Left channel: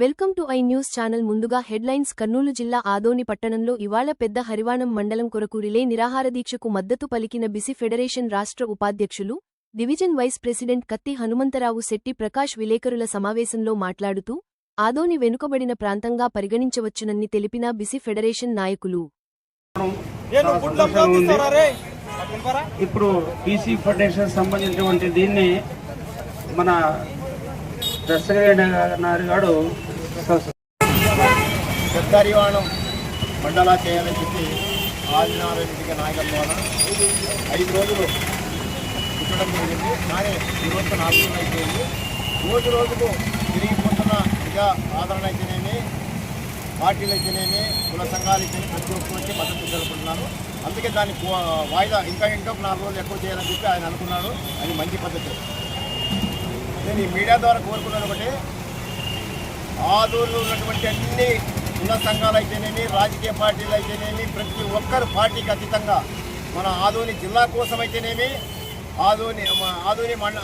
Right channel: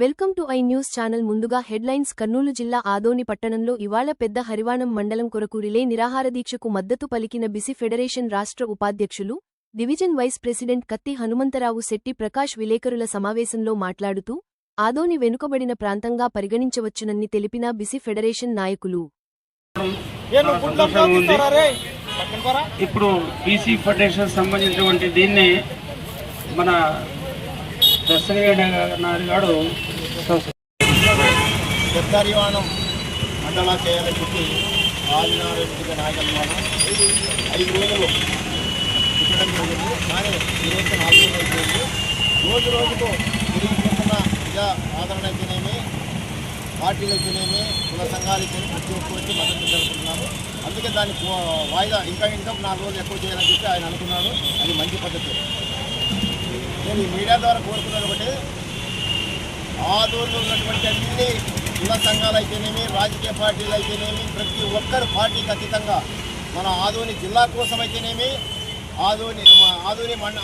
Welcome to I news channel. ముందుగా headlines Kurnool జిల్లా ఆదోని పట్టణంలో ఇవాళ పెద్ద హరివాణం మండలం కొరకు రిలే నిరాహార దీక్షకు మద్దతు పలికిన బిసి ఫెడరేషన్ రాష్ట్ర ఉపాధ్యక్షులు డివిజన్ వైస్ ప్రెసిడెంట్ కత్తి హనుమంతరావు శెట్టి ప్రకాష్ విలేకరుల సమావేశంలో మాట్లాడుతూ ఆదోని వెనుకబడిన ప్రాంతంగా పరిగణించవచ్చునని తెలిపిన బిసి ఫెడరేషన్ నాయకులు. ఉంది. ఇప్పుడు బీసీ ఫెడరేషన్ సంబంధించినటువంటి దీన్ని మన దశరథ గారు పెద్దరివాణం మండలా చేయాలని చెప్పి ఆదినారాయణ నాయకత్వాన ఐదు రోజులు ఇవ్వడం జరిగింది. కానీ ఈ రోజు నాలుగు రోజులు అయిపోయింది. రోజు రోజుకు తిరిగిపోతున్న ప్రజా ఆదరణ అయితేనేమి పార్టీలు అయితేనేమి కుల సంఘాలు ప్రతి ఒక్కరికి మద్దతు తెలుపుతున్నారు. అందుకే దాన్ని వాయిదా ఇంకా ఇంకా నాలుగు రోజులు ఎక్కువ చేయాలని చెప్పి ఆయన అనుకున్నారు. అది మంచి పద్ధతి. నేను ఈ మీడియా ద్వారా కోరుకున్నాను ఒకటి ఆదూరులో ఉన్నటువంటి అన్ని కుల సంఘాలు అయితేనేమి రాజకీయ పార్టీలు అయితేనేమి ప్రతి ఒక్కరు పార్టీకి అతీతంగా మన ఆదోని జిల్లా కోసం అయితేనేమి ఆదోని ఆదోని మండ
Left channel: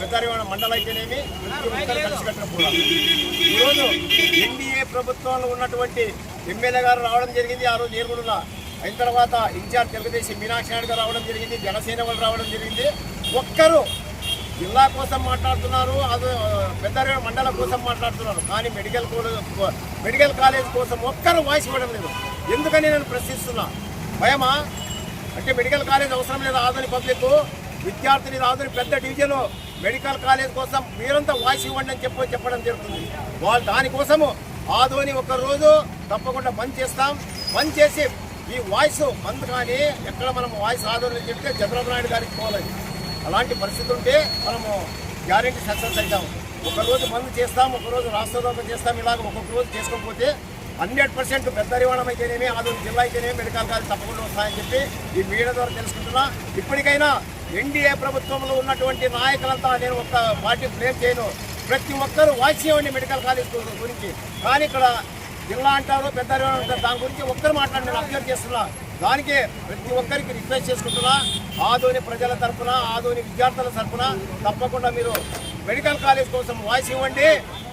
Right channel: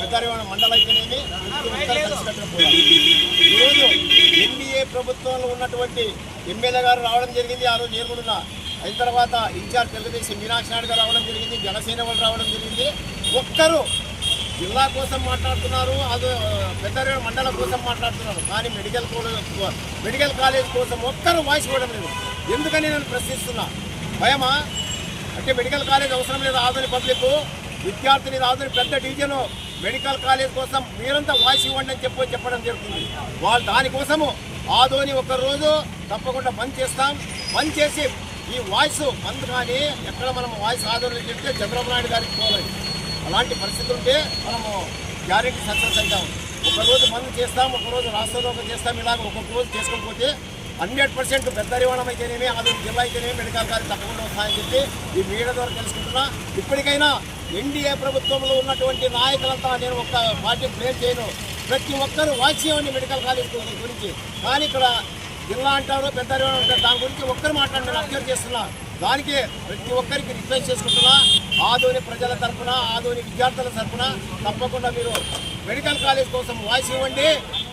పెద్దరివాడ మండలం అయితేనేమి ప్రతి ఒక్కరు కలిసికట్టిన పోరాడు ఈరోజు ఎన్డీఏ ప్రభుత్వంలో ఉన్నటువంటి ఎమ్మెల్యే గారు రావడం జరిగింది ఆ రోజు నేను అయిన తర్వాత ఇన్ఛార్జ్ తెలుగుదేశం మీనాక్షి నాయుడు గారు రావడం జరిగింది జనసేన వాళ్ళు రావడం జరిగింది. ఒక్కరు జిల్లా కోసం మాట్లాడుతున్నారు అది పెద్ద మండలం కోసం మాట్లాడుతున్నారు. కానీ మెడికల్ మెడికల్ కాలేజ్ కోసం ఒక్కరు వాయిస్ ఇవ్వడం లేదు. ఎందుకని నేను ప్రశ్నిస్తున్నా? భయమా? అంటే మెడికల్ కాలేజ్ అవసరం లేదు ఆధునిక పబ్లిక్. విద్యార్థిని ఆధునిక పెద్ద డివిజన్ మెడికల్ కాలేజ్ కోసం మీరంతా వాయిస్ ఇవ్వండి అని చెప్పి చెప్పడం జరుగుతుంది. వాళ్ళు దానికోసము ఆదోని ఒకరోజు తప్పకుండా బంద్ చేస్తాం. బంద్ చేసి ఈ వాయిస్ బంద్ కానీ ఎక్కడ మనం వాయిస్ ఆదోని చెప్తే చంద్రబాబు నాయుడు గారికి పోలేదు అలాంటి పరిస్థితి ఉంటే మనము గ్యారెంటీ సక్సెస్ అవుతాము ఒక రోజు బంద్ చేస్తాం ఒకరోజు రాష్ట్రలోకం చేస్తాం ఇలాగ ఒక్కొక్క రోజు చేసుకోకపోతే హండ్రెడ్ పర్సెంట్ పెద్ద రివాణం అయితేనేమి ఆదోని జిల్లా అయితేనేమి మెడికల్ కాలేజ్ తప్పకుండా వస్తాయని చెప్పి ఈ మీడియా ద్వారా తెలుసుకుంటున్నా. ఇప్పటికైనా ఎన్డీఏ ప్రభుత్వంలో ఉన్నటువంటి నాయకులంతా నేను ఒక పార్టీ ప్లే చేయను. ప్రతి ఒక్కరూ వాయిస్ మెడికల్ కాలేజ్ గురించి. కానీ ఇక్కడ జిల్లా అంటారు పెద్ద అంటారు దాని గురించి ఒక్కరు మాట్లాడి నేను అబ్జర్వ్ చేస్తున్నా. దానికి ప్రతి ఒక్కరికి రిక్వెస్ట్ చేసుకుంటున్నా. ఆదోని ప్రజల తరఫున ఆదోని విద్యార్థుల తరఫున తప్పకుండా మీరు మెడికల్ కాలేజ్ కోసం వాయిస్ ఇవ్వండి.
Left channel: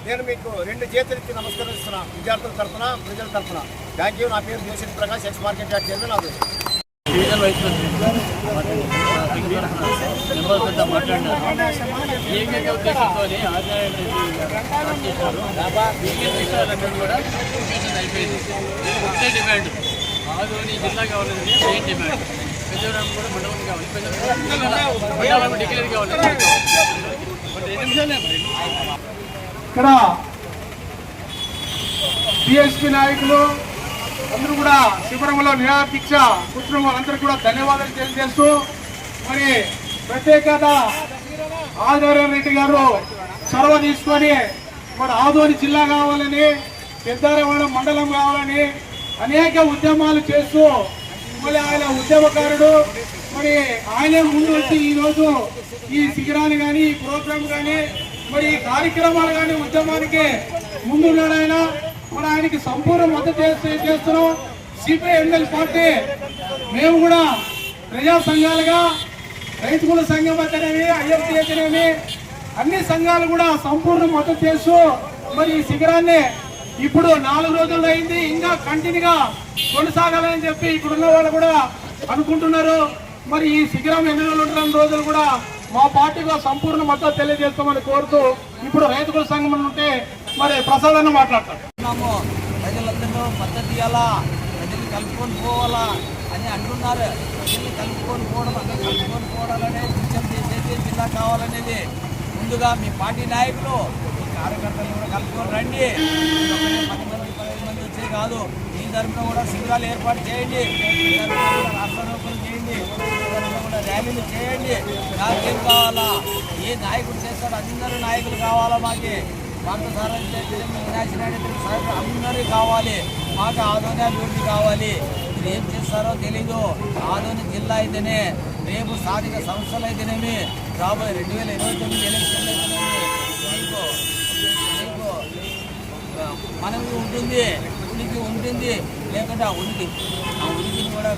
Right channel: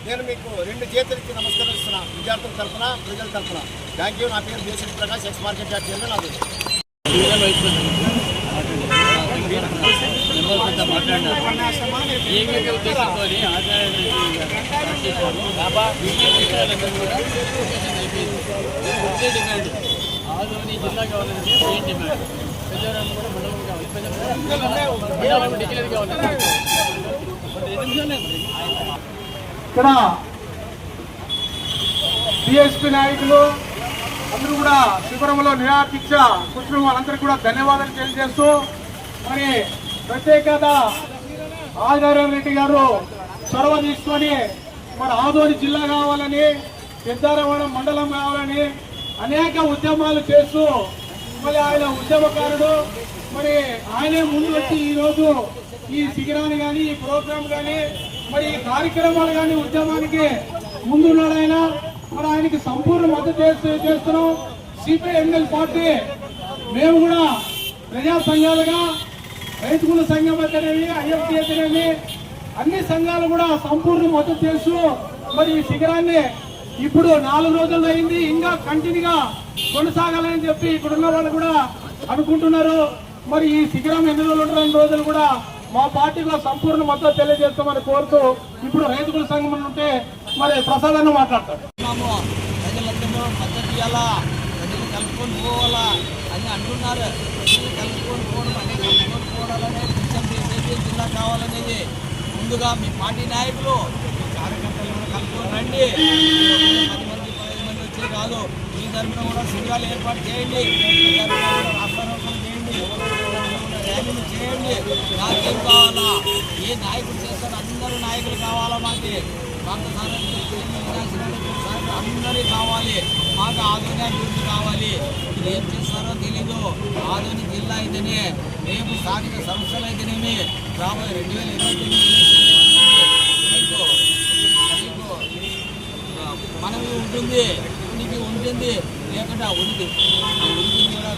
నేను మీకు రెండు చేతులకి నమస్కరిస్తున్నా. విద్యార్థుల తరఫున ప్రజల తరపున. థ్యాంక్ యూ నా పేరు Joseph Prakash ex market yard chairman Adoni division vice president మాట్లాడారు నెంబర్ సంఘ తరఫున మెంబర్స్ మాట్లాడినారు. ఏకైక ఉద్దేశంతో ఆదినారాయణ రెడ్డి గారు స్టార్ట్ చేశారు. బాబా బియ్యం విషయాలందరూ కూడా లొకేషన్ అయిపోయింది. ఒకటే డిమాండ్ ఆదోని జిల్లా కావాలంటే మెయిన్ డిమాండ్ పెద్దవరం కూడా మండలం కావాలి. పెద్దవరం మండలం డిక్లేర్ కావాలి. ఇక్కడ బిఎస్పీ నాయకులు అందరూ కూడా శిబిరంలో నిరాదీక్ష కూర్చున్న వాళ్ళందరూ కూడా ధన్యవాదాలు తెలియజేస్తూ మరి ప్రత్యేకత ఆదినారాయణ రెడ్డి గారు చొరవ తీసుకొని మరి ఆదోని జిల్లా కావాలని పెద్దారవాడ మండలం కావాలని అనేక ఉద్యమాలు చేస్తూ మరి ఆయన ఉద్యమకారుడు. మరి ఆయనే ముందు వచ్చి ఈ ఈ శిఖరాన్ని కానీ ఈ ప్రోగ్రాం కానీ మరి ఈ కార్యక్రమాలు కానీ ఉద్యమానికి ముందున్నాడు ఆయన. మరి ఆయనకి సంపూర్ణ మద్దతు చేస్తూ చేస్తున్నాం? CPML party. మేము కూడా ప్రజా సంఘాలుగా రైతుల సంఘం అయితేనేమి ఐఎఫ్టీ అయితేనేమి అన్ని సంఘాలు కూడా సంపూర్ణ మద్దతు చేస్తూ మరి ఈ శిఖరాన్ని ఇప్పుడు నాలుగు రోజులు అయింది ఇంకా కంటిన్యూగా కొనసాగాలని చెప్పి ఇక్కడ ఉన్న వాళ్ళు కూడా అనుకుంటున్నారు. మరి ఈ శిఖరం ఎన్ని రోజులు రోజులు కూడా మా పార్టీలో సంపూర్ణ మద్దతు తెలియజేస్తామని కోరుతూ ఇప్పుడు రైతుల సంఘం ఉంటే మరి ప్రసాదాన్ని మాట్లాడతారు. ప్రజలందరూ మద్దతు ఇవ్వాలా ప్రజలు కలుపుకొని పోవాలా? అని అంటున్నారు. ప్రజల్ని కలుపుకొని పోవడం అంటే కలుపుకొని పోవాలనే నిత్యం చేసేది జిల్లా కావాలనేది. ముందుగా మీ పార్టీ నాయకులు మీ కార్యకర్తలు కూడా కలుపుకొని రండి. పది మంది పదిహేను మంది వచ్చే కాదు. మీ తరఫున కూడా శిబిరాలు ఏర్పాటు చేయండి. మీ తరఫున కూడా రాష్ట్రారోపణ చేయండి. మీ తరఫున కూడా ర్యాలీలు చేయండి. నాకేం కావాలా? ఏ నాయకుడు చేస్తాడు? అందరూ నాయకులు కావాలా మాకి? పాత సార్ అందరూ కావాలి. మాకు ఆదోని అభివృద్ధి కావాలి. ఇది ఏం చేస్తారో తెలీదు. ఆదోని జిల్లా అయితేనే రేపు స్థానిక సంస్థలు అయితేనేమి రాబోయే రెండు వేల ఇరవై తొమ్మిది ఎలక్షన్లు అయితేనేమి మనవి ఉంటుంది ఉనికి ఉంటుంది లేకుంటే ఆ ఉనికి ఆ ఉనికిని కూడా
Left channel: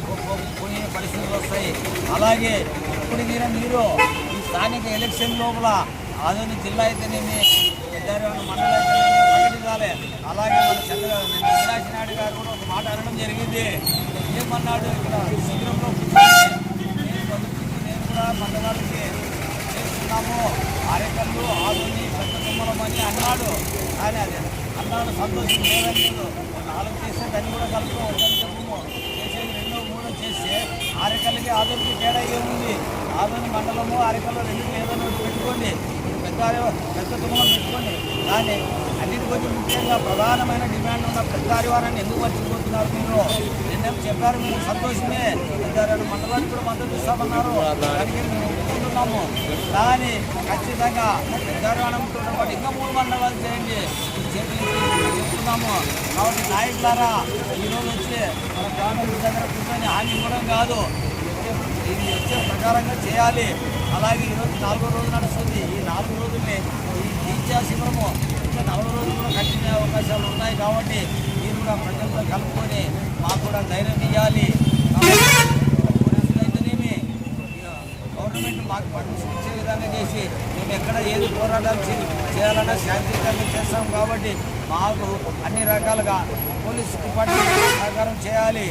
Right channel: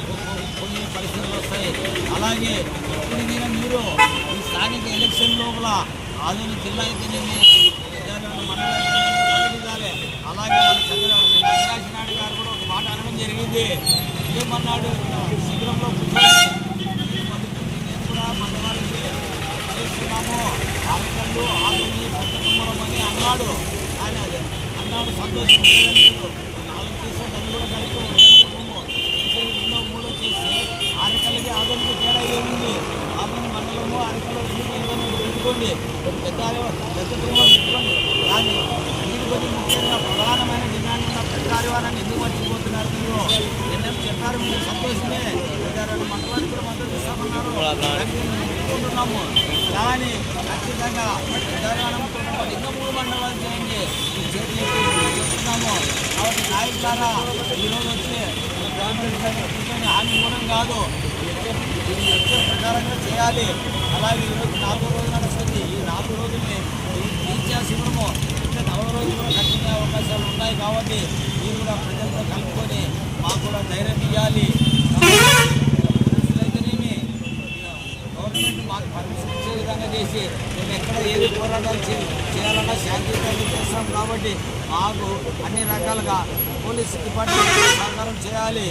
కొన్ని పరిస్థితులు వస్తాయి. అలాగే ఇప్పుడు మీరు మీరు ఈ స్థానిక ఎలక్షన్ లోపల ఆధునిక జిల్లా అయితేనేమి పెద్దారెడ్డి మండలం ప్రకటించాలి అలాగే మన చంద్ర అవినాష్ నాయుడు గారు కూడా ఒక మాట అనడం జరిగింది. ఏమన్నాడు ఇక్కడ? శిబిరంలో కూర్చొని నేను కూడా మన చేస్తున్నాము. అరకళ్ళు ఆదుని పెద్ద తుమ్మలం అని అన్నాడు. కానీ అదే అన్నాడు సంతోషం లేదన్నాడు నాలుగు చేసే దాన్ని కూడా కలుపుతూ చెప్పము చేసేది రెండో మూడో చేస్తే అరెకల్లికి ఆదునికి తేడా ఏముంది? ఆదుని మండలము అరెకల్లో రెండు ఏదైనా పెట్టుకోండి. పెద్ద పెద్ద తుమ్మలం పెట్టుకోండి. కానీ అన్నిటికొచ్చి ముఖ్యంగా ప్రధానమైన డిమాండ్ ఉన్న పెద్ద ఆదివారాన్ని ఎందుకు మర్చిపోతున్నారు మీరు? నిన్నేం చెప్పారు మీరు? సంతోషమే. పెద్దారెడ్డి మండలానికి కూడా మద్దతు ఇస్తామన్నారు. దానికి మేము ఒప్పుకుంటున్నాము. కానీ ఖచ్చితంగా పెద్దారివానంతో పాటు ఇంకా మూడు మండలాలు చేయండి. ఈ చెప్తున్నాము. కాబట్టి నాయకులారా ఈరోజు వచ్చి మన గ్రామీణ కూర్చొని హామీ ఇవ్వడం కాదు. ఈ వచ్చే వచ్చే ప్రకారంగా చేయాలి. అలాగే ఈరోజు నాలుగో రోజు నడుస్తుంది. ఈ నాలుగు రోజుల్ని ఈ దీక్షా శిబిరము ఇంకా నలభై రోజులు కూడా కంటిన్యూ అవకాశాలు ఉన్నాయి కాబట్టి మీరు కూడా ప్రజలతో కలుపుకొని మాకు కూడా ధైర్యం ఇవ్వాలి. అయితేనేమి గవర్నమెంట్ మాకు పర్మిషన్ ఇచ్చే విధంగా చేసి మేము ఎక్కడ ఏది పోరాటాలు చేయాలన్నా శాంతియుతంగా చేస్తాం కాబట్టి మాకు అన్ని రకాలుగా పోలీస్ డిపార్ట్మెంట్ సహకారం చేయాలి.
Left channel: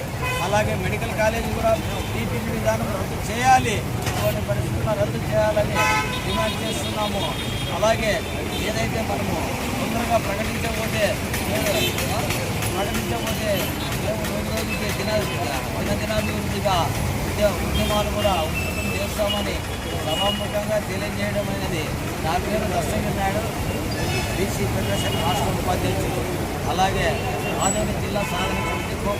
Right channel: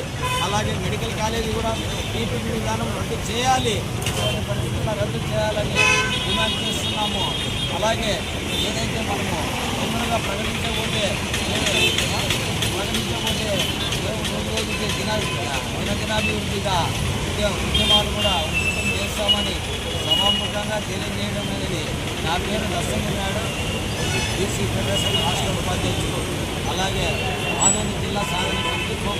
అలాగే మెడికల్ కాలేజీ కూడా పీపీపీ విధానం రద్దు చేయాలి. ఇటువంటి పరిస్థితుల్లో రద్దు చేయాలని డిమాండ్ చేస్తున్నాము. అలాగే ఏదైతే మనము తొందరగా ప్రకటించకపోతే ప్రకటించకపోతే మేము రోజు రోజుకి దిన దినదినాభివృద్ధిగా ఉద్యమాలు కూడా ఉధృతం చేస్తామని సభాముఖంగా తెలియజేయడం అనేది నా పేరు దస్తగిరి నాయుడు బీసీ ఫెడరేషన్ రాష్ట్ర ఉపాధ్యక్షుడు. అలాగే ఆదోని జిల్లా సాధన సమితి కో